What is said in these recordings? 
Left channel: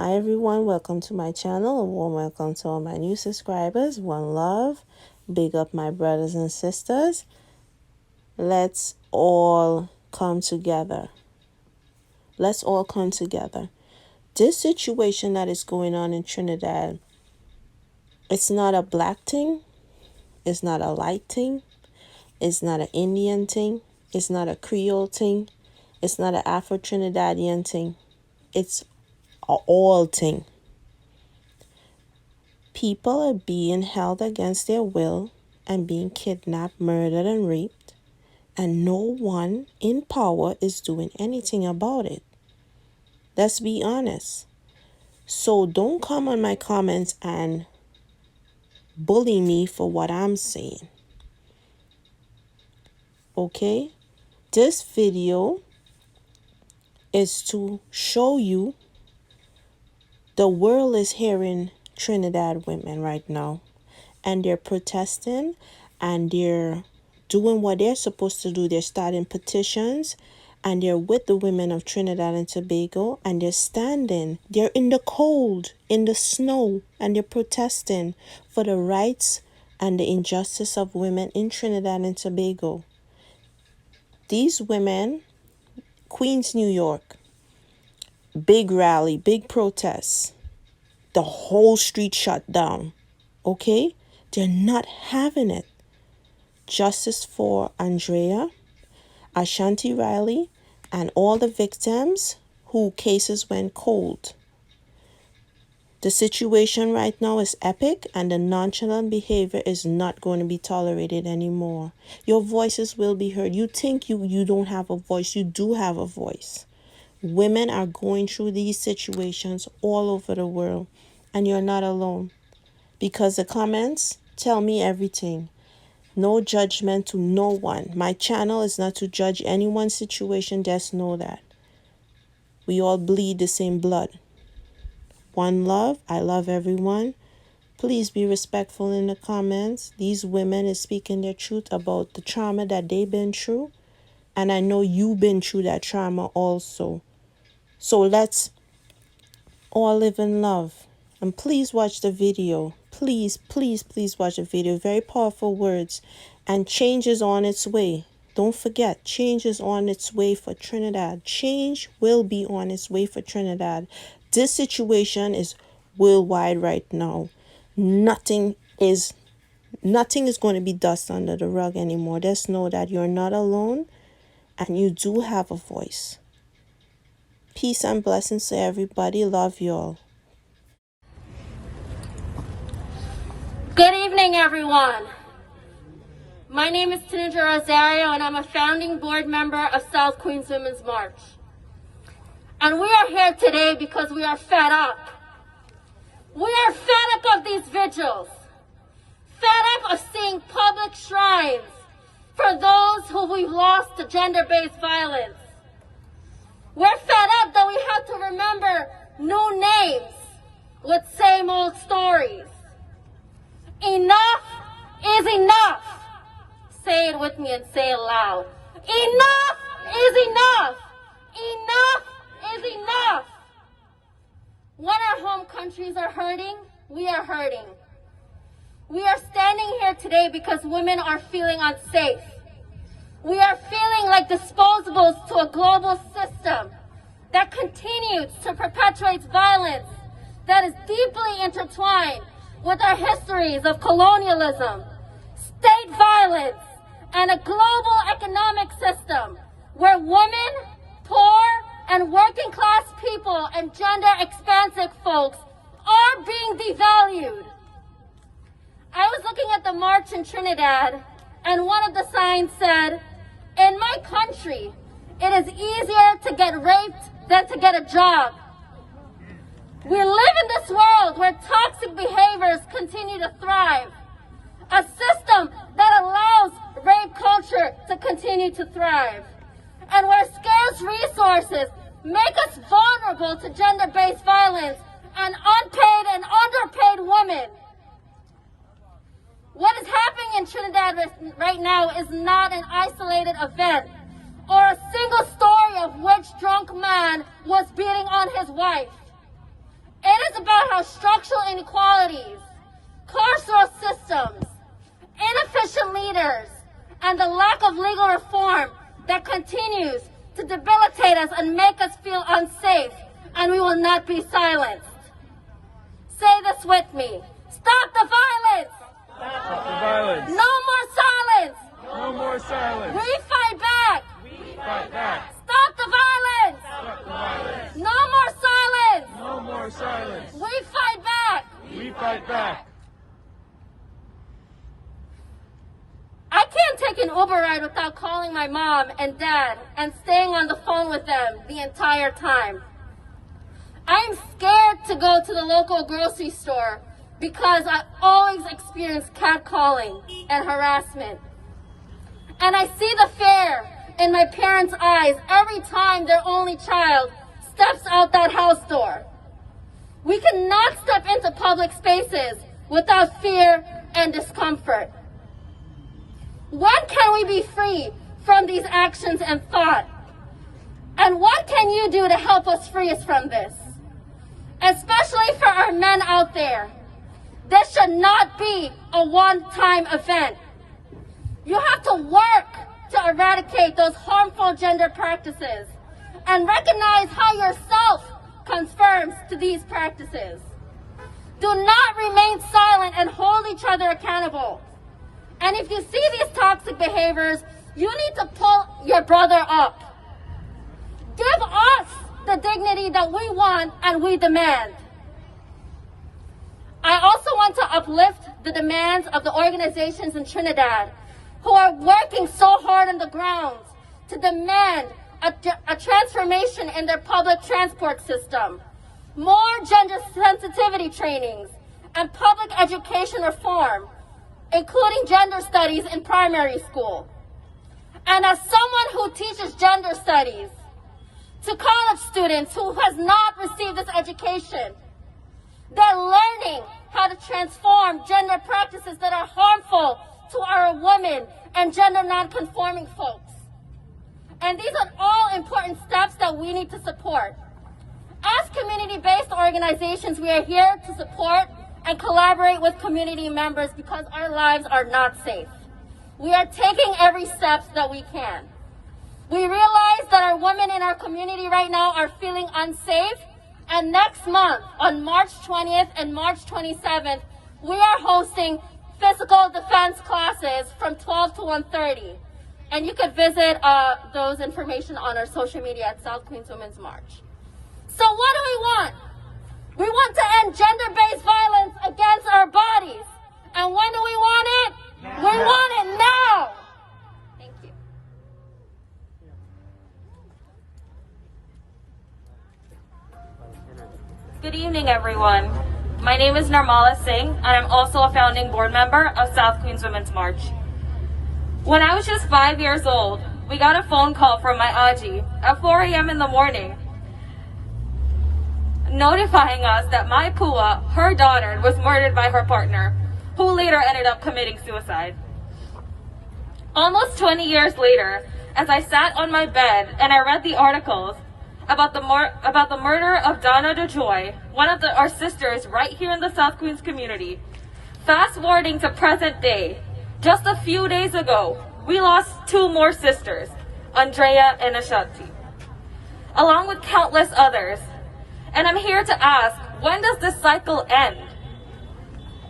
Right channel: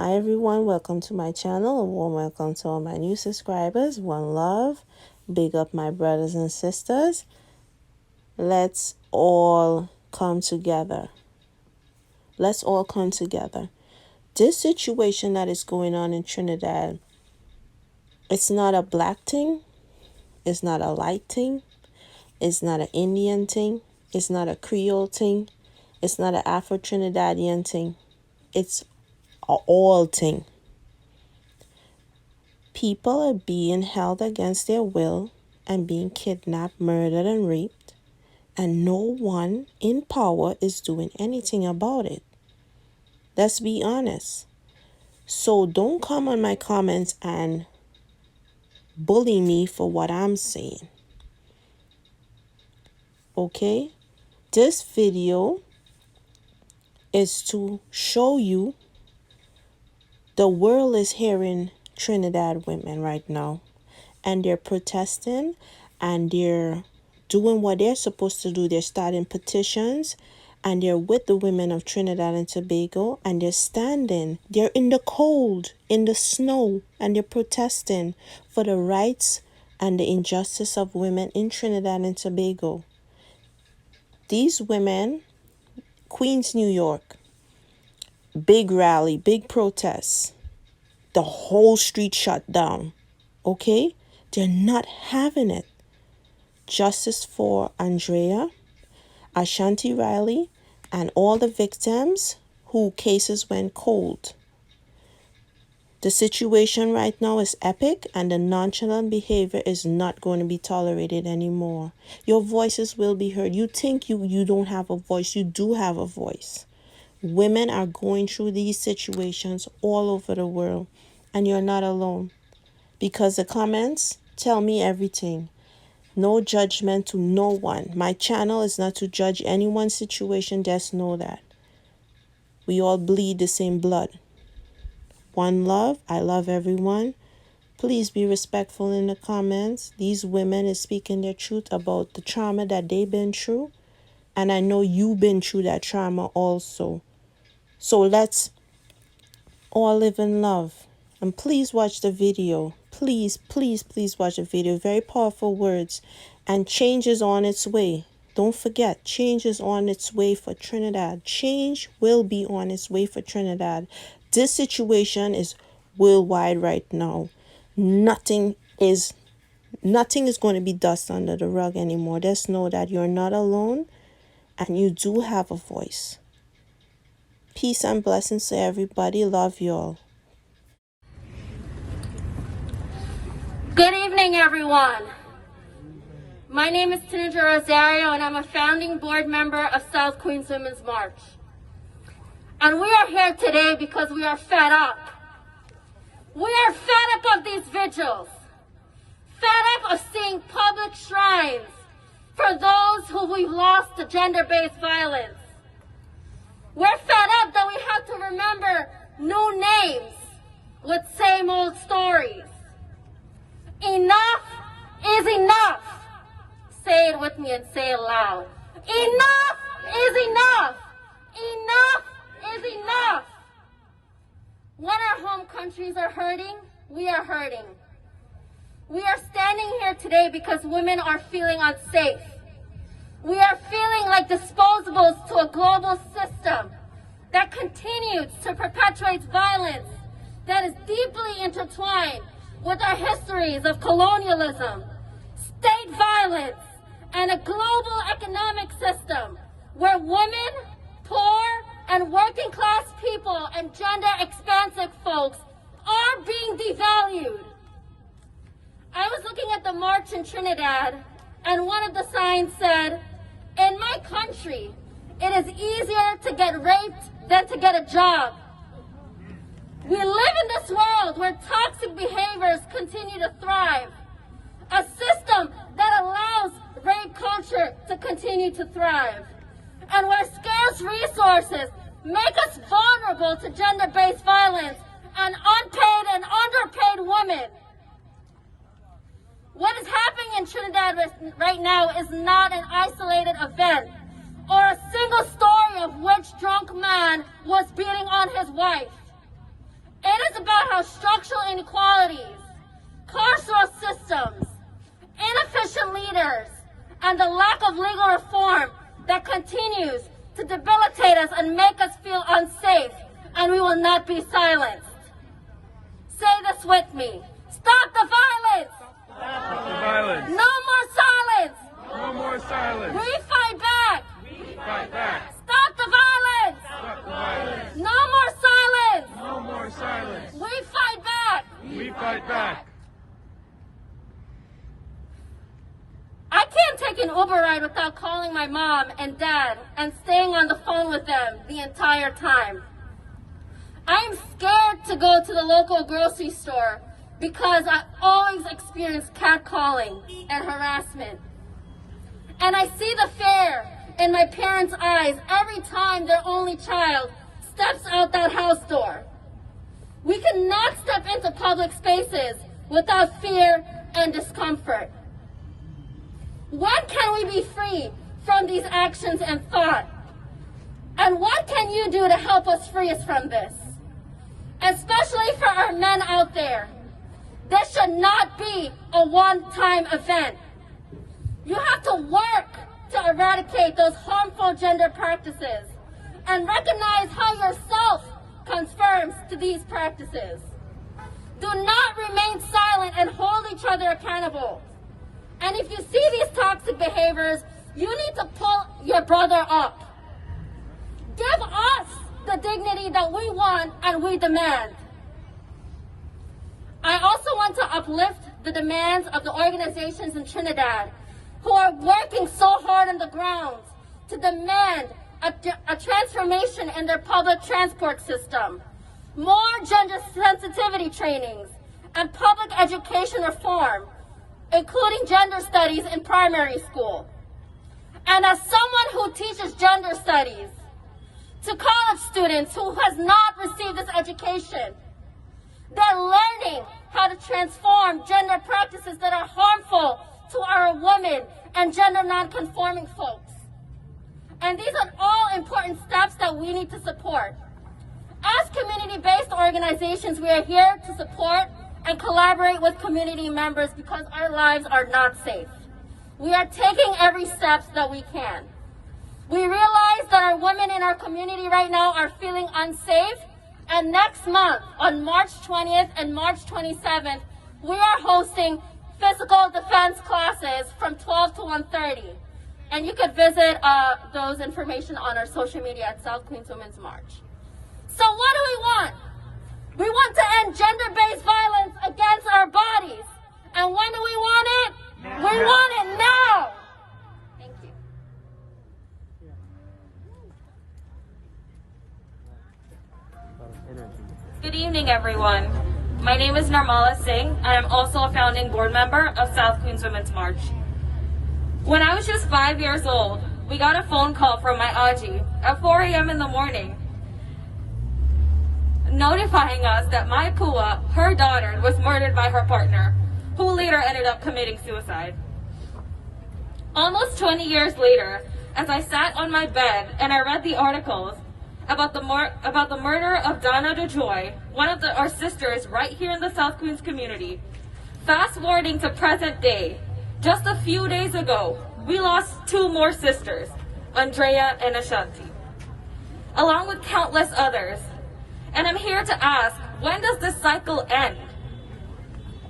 Hi everyone, welcome to my channel. A warm welcome to all my new subscribers. One love. Big up my brothers and sisters. Let's all come together. Let's all come together. This situation that is going on in Trinidad, it's not a black thing. It's not a light thing. It's not an Indian thing. It's not a Creole thing. It's not an Afro-Trinidadian thing. It's a all thing. People are being held against their will and being kidnapped, murdered, and raped, and no one in power is doing anything about it. Let's be honest. So don't come on my comments and bully me for what I'm saying. Okay? This video is to show you the world is hearing Trinidad women right now, and they're protesting and they're doing what they're supposed to do. They're starting petitions and they're with the women of Trinidad and Tobago, and they're standing. They're in the cold, in the snow, and they're protesting for the rights and the injustice of women in Trinidad and Tobago. These women, Queens, New York, big rally, big protests. The whole street shut down. Okay? They're not having it. Justice for Andrea, Ashanti Riley, and all the victims who cases went cold. The situation right now is epic, and the nonchalant behavior is not going to be tolerated anymore. Your voices will be heard. You think you don't have a voice. You do have a voice. Women are going through these situations all over the world, and you're not alone. Because the comments tell me everything. No judgment to no one. My channel is not to judge anyone's situation. Just know that. We all bleed the same blood. One love. I love everyone. Please be respectful in the comments. These women is speaking their truth about the trauma that they've been through. And I know you've been through that trauma also. So let's all live in love. And please watch the video. Please, please, please watch the video. Very powerful words. And change is on its way. Don't forget, change is on its way for Trinidad. Change will be on its way for Trinidad. This situation is worldwide right now. Nothing is going to be dust under the rug anymore. Just know that you're not alone and you do have a voice. Peace and blessings to everybody. Love y'all. Good evening, everyone. My name is Trini and I'm a founding board member of South Queens Women's March. And we are here today because we are fed up. We are fed up of these vigils. Fed up of seeing public shrines for those who we've lost to gender-based violence. We're fed up that we have to remember new names with same old stories. Enough is enough. Say it with me and say it loud. Enough is enough. Enough is enough. When our home countries are hurting, we are hurting. We are standing here today because women are feeling unsafe. We are feeling like disposables to a global system that continues to perpetuate violence that is deeply intertwined with our histories of colonialism, state violence, and a global economic system where women, poor, and working class people and gender expansive folks are being devalued. I was looking at the march in Trinidad, and one of the signs said, "In my country, it is easier to get raped than to get a job." We live in this world where toxic behaviors continue to thrive, a system that allows rape culture to continue to thrive, and where scarce resources make us vulnerable to gender-based violence and unpaid and underpaid women. What is happening in Trinidad right now is not an isolated event or a single story of which drunk man was beating on his wife. It is about how structural inequalities, carceral systems, inefficient leaders, and the lack of legal reform that continues to debilitate us and make us feel unsafe, and we will not be silenced. Say this with me. Stop the violence! Stop the violence! No more silence! No more silence! We fight back! Fight back! Stop the violence! Stop the violence! No more silence! No more silence! We fight back! We fight back! I can't take an Uber ride without calling my mom and dad and staying on the phone with them the entire time. I'm scared to go to the local grocery store because I always experience catcalling and harassment. And I see the fear in my parents' eyes every time their only child steps out that house door. We cannot step into public spaces without fear and discomfort. When can we be free from these actions and thought? And what can you do to help us free us from this? Especially for our men out there. This should not be a one-time event. You have to work to eradicate those harmful gender practices and recognize how yourself conforms to these practices. Do not remain silent and hold each other accountable. And if you see these toxic behaviors, you need to pull your brother up. Give us the dignity that we want and we demand. I also want to uplift the demands of the organizations in Trinidad who are working so hard on the ground to demand a transformation in their public transport system, more gender sensitivity trainings, and public education reform, including gender studies in primary school. And as someone who teaches gender studies to college students who has not received this education, they're learning how to transform gender practices that are harmful to our women and gender non-conforming folks. And these are all important steps that we need to support. As community-based organizations, we are here to support and collaborate with community members because our lives are not safe. We are taking every step that we can. We realize that our women in our community right now are feeling unsafe, and next month, on March 20th and March 27th, we are hosting physical defense classes from 12 to 1:30. And you can visit those information on our social media at South Queens Women's March. So what do we want? We want to end gender-based violence against our bodies. And when do we want it? Yeah. We want it now. Thank you. Good evening, everyone. My name is Narmala Singh, and I'm also a founding board member of South Queens Women's March. When I was just 5 years old, we got a phone call from my Aji at 4 a.m. in the morning, notifying us that my Pua, her daughter, was murdered by her partner, who later ended up committing suicide. Almost 20 years later, as I sat on my bed and I read the articles about the murder of Donna DeJoy, one of our sisters right here in the South Queens community, fast forwarding to present day, just a few days ago, we lost 2 more sisters, Andrea and Ashanti, along with countless others. And I'm here to ask, when does this cycle end?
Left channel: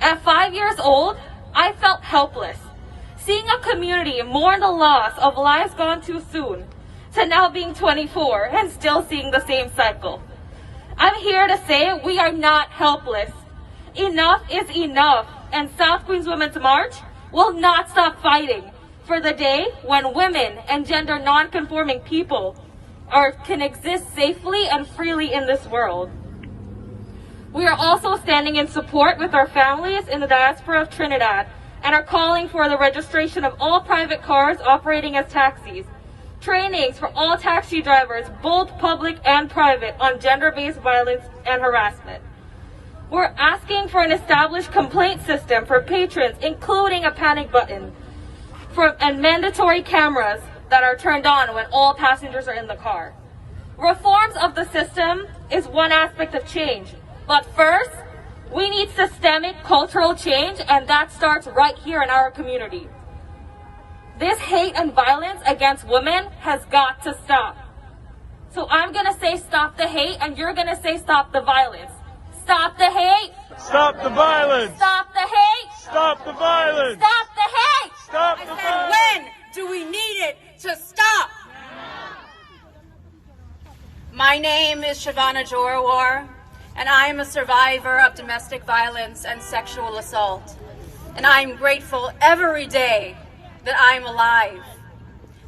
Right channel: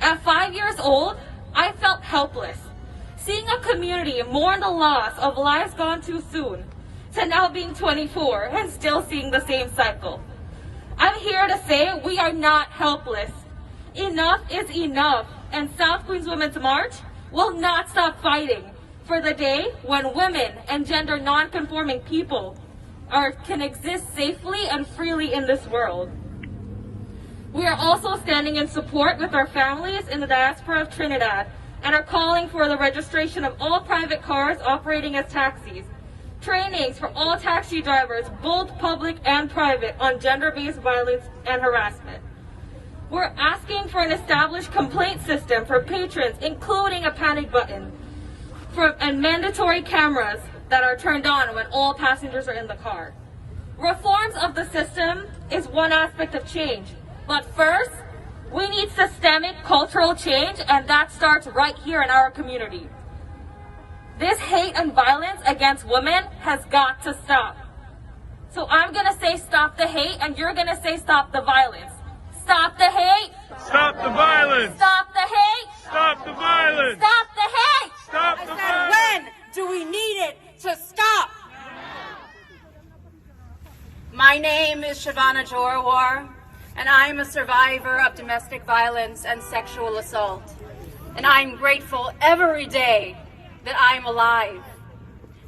At 5 years old, I felt helpless, seeing a community mourn the loss of lives gone too soon, to now being 24 and still seeing the same cycle. I'm here to say we are not helpless. Enough is enough, and South Queens Women's March will not stop fighting for the day when women and gender non-conforming people can exist safely and freely in this world. We are also standing in support with our families in the diaspora of Trinidad and are calling for the registration of all private cars operating as taxis, trainings for all taxi drivers, both public and private, on gender-based violence and harassment. We're asking for an established complaint system for patrons, including a panic button, and mandatory cameras that are turned on when all passengers are in the car. Reforms of the system is one aspect of change, But first, we need systemic cultural change, and that starts right here in our community. This hate and violence against women has got to stop. So I'm gonna say stop the hate, and you're gonna say stop the violence. Stop the hate! Stop the violence! Stop the hate! Stop the violence! Stop the hate! Stop the violence! When do we need it to stop? My name is Shavana Jorawar, and I am a survivor of domestic violence and sexual assault. And I'm grateful every day that I'm alive,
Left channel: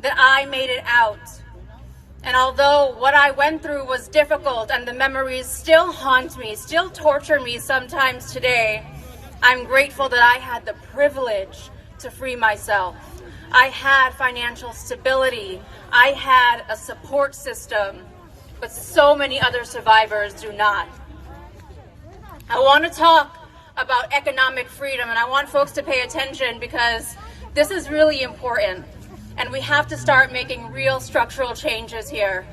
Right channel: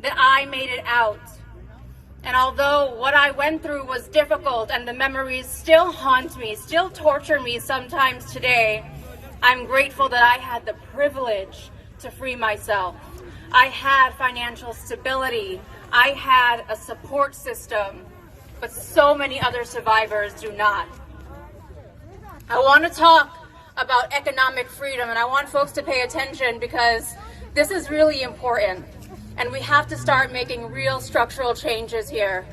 that I made it out. And although what I went through was difficult and the memories still haunt me, still torture me sometimes today, I'm grateful that I had the privilege to free myself. I had financial stability. I had a support system, but so many other survivors do not. I want to talk about economic freedom, and I want folks to pay attention because this is really important, and we have to start making real structural changes here.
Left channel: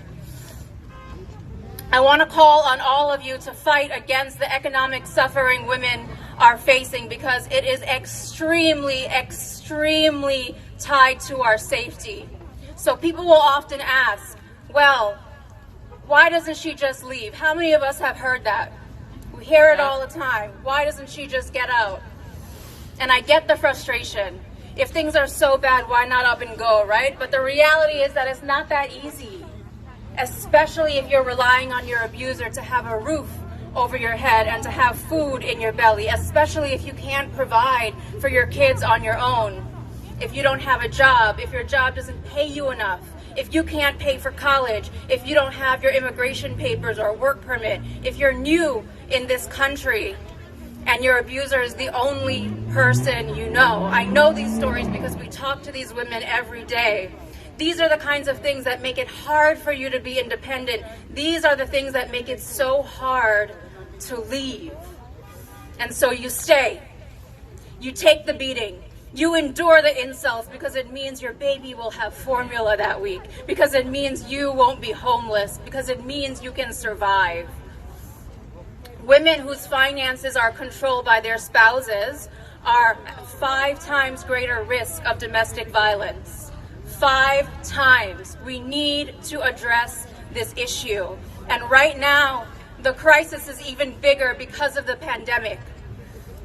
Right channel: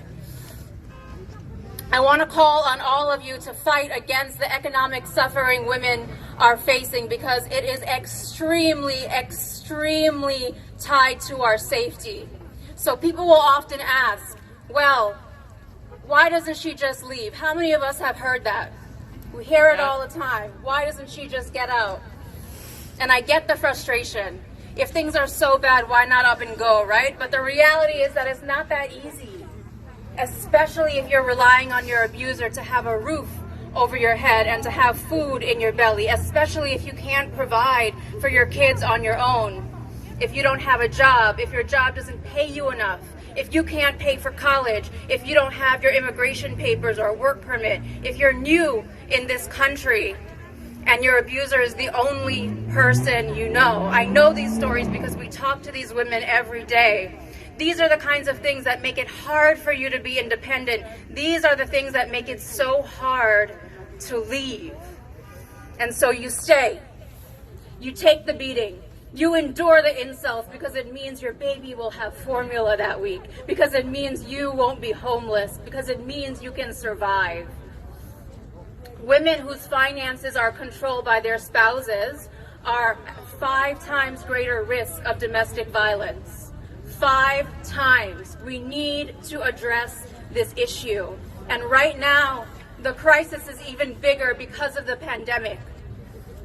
I want to call on all of you to fight against the economic suffering women are facing, because it is extremely, extremely tied to our safety. So people will often ask, well, why doesn't she just leave? How many of us have heard that? We hear it all the time. Why doesn't she just get out? And I get the frustration. If things are so bad, why not up and go, right? But the reality is that it's not that easy, especially if you're relying on your abuser to have a roof over your head and to have food in your belly, especially if you can't provide for your kids on your own. If you don't have a job, if your job doesn't pay you enough, if you can't pay for college, if you don't have your immigration papers or work permit, if you're new in this country and your abuser is the only person you know. I know these stories because we talk to these women every day. These are the kinds of things that make it hard for you to be independent. These are the things that make it so hard to leave. And so you stay. You take the beating. You endure the insults because it means your baby will have formula that week, because it means you won't be homeless, because it means you can survive. Women whose finances are controlled by their spouses are 5 times greater risk of domestic violence. 5 times. We need to address this issue. And right now, the crisis is even bigger because of the pandemic.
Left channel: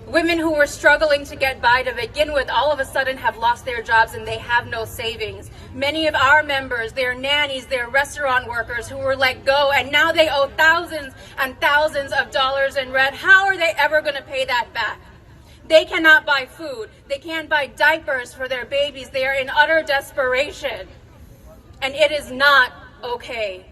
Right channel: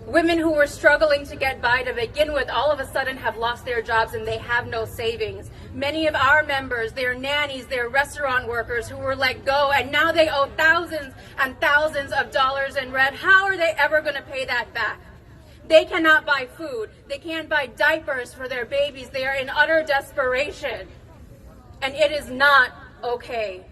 Women who were struggling to get by to begin with all of a sudden have lost their jobs and they have no savings. Many of our members, they're nannies, they're restaurant workers who were let go, and now they owe thousands and thousands of dollars in rent. How are they ever going to pay that back? They cannot buy food. They can't buy diapers for their babies. They are in utter desperation. And it is not okay.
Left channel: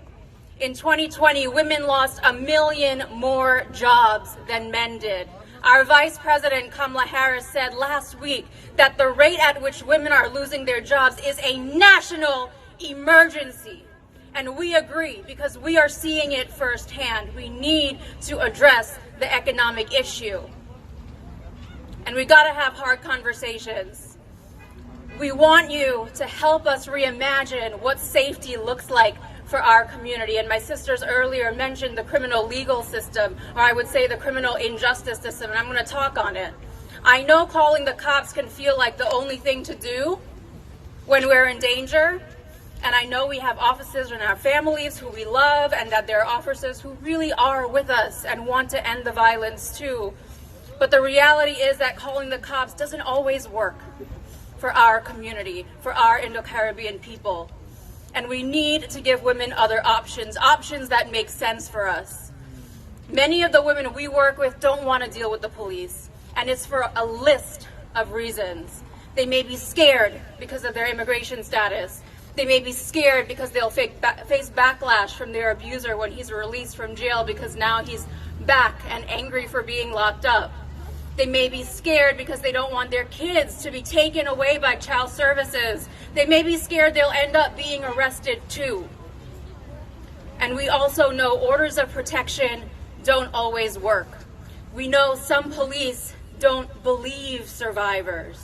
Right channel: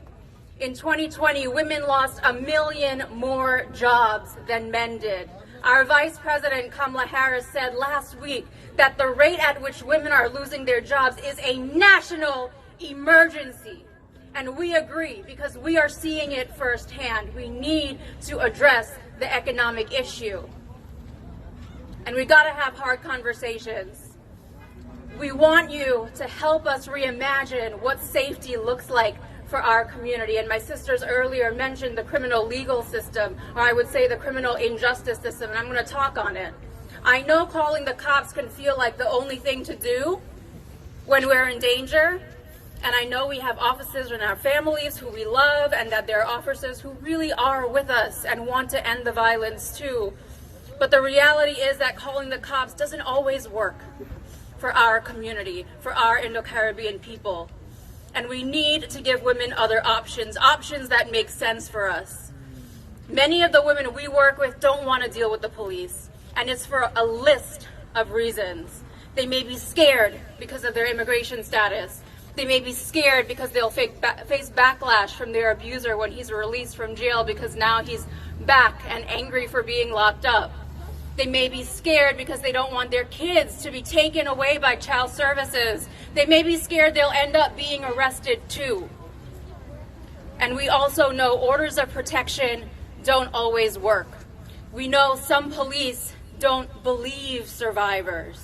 In 2020, women lost 1 million more jobs than men did. Our Vice President Kamala Harris said last week that the rate at which women are losing their jobs is a national emergency. And we agree, because we are seeing it firsthand. We need to address the economic issue. And we got to have hard conversations. We want you to help us reimagine what safety looks like for our community. And my sisters earlier mentioned the criminal legal system, or I would say the criminal injustice system, and I'm going to talk on it. I know calling the cops can feel like the only thing to do when we're in danger, and I know we have officers in our families who we love, and that there are officers who really are with us and want to end the violence too. But the reality is that calling the cops doesn't always work for our community, for our Indo-Caribbean people. And we need to give women other options, options that make sense for us. Many of the women we work with don't want to deal with the police, and it's for a list of reasons. They may be scared because of their immigration status. They may be scared because they'll face backlash from their abuser when he's released from jail, because now he's back and angry for being locked up. They may be scared because they don't want their kids to be taken away by child services. They may be scared they'll end up being arrested too. And we also know orders of protection don't always work. We know some police don't believe survivors.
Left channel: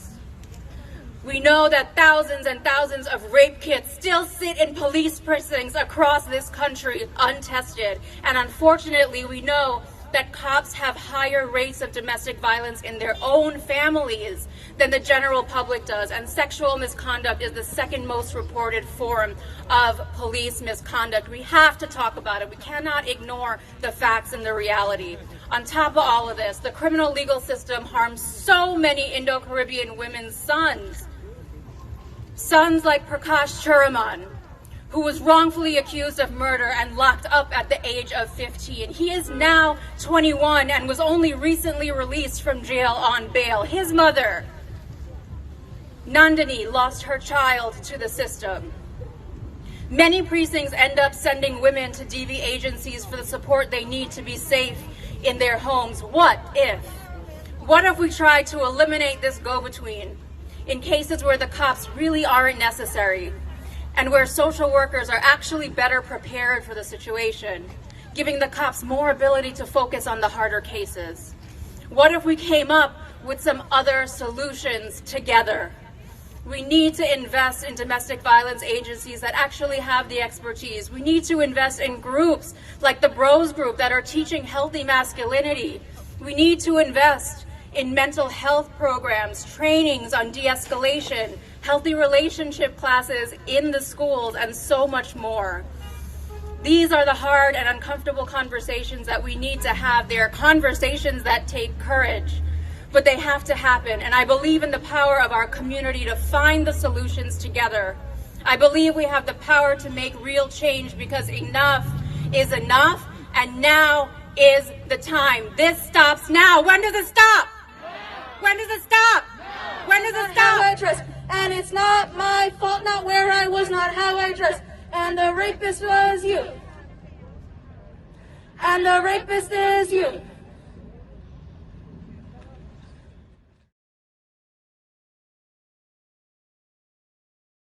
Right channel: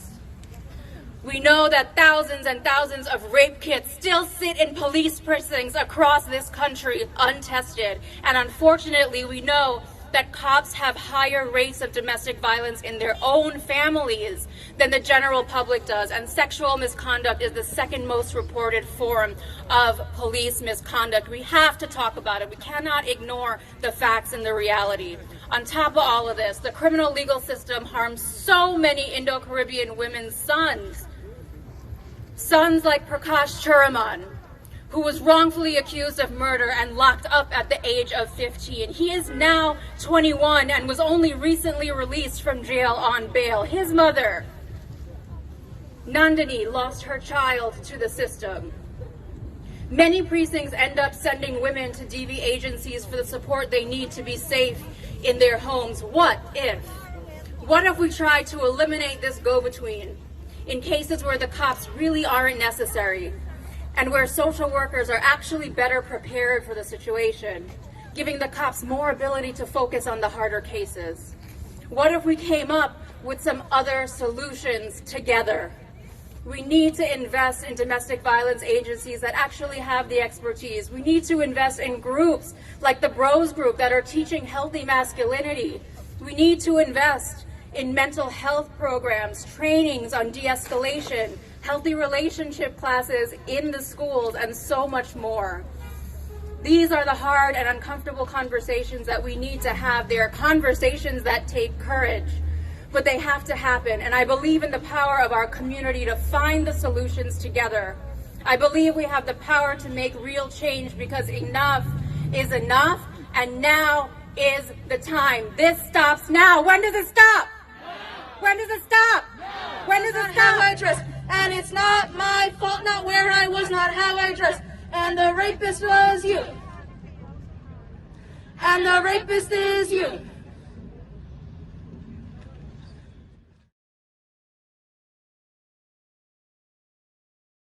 We know that thousands and thousands of rape kits still sit in police precincts across this country untested. And unfortunately, we know that cops have higher rates of domestic violence in their own families than the general public does, and sexual misconduct is the second most reported form of police misconduct. We have to talk about it. We cannot ignore the facts and the reality. On top of all of this, the criminal legal system harms so many Indo-Caribbean women's sons. Sons like Prakash Churaman, who was wrongfully accused of murder and locked up at the age of 15. He is now 21 and was only recently released from jail on bail. His mother, Nandini, lost her child to the system. Many precincts end up sending women to DV agencies for the support they need to be safe in their homes. What if? What if we tried to eliminate this go-between in cases where the cops really aren't necessary and where social workers are actually better prepared for the situation, giving the cops more ability to focus on the harder cases? What if we came up with some other solutions together? We need to invest in domestic violence agencies that actually have the expertise. We need to invest in groups like the Bros Group that are teaching healthy masculinity. We need to invest in mental health programs, trainings on de-escalation, healthy relationship classes in the schools, and so much more. These are the hard and uncomfortable conversations that we need to have. They are conversations that take courage, but they have to happen. And I believe in the power of our community to find the solutions together. I believe we have the power to make real change because enough is enough, and now is the time. This stops now. When does it stop? When does it stop? When does it stop? And it's not my fault, not where I was, not how I dressed. And the rapist was you. And the rapist is you.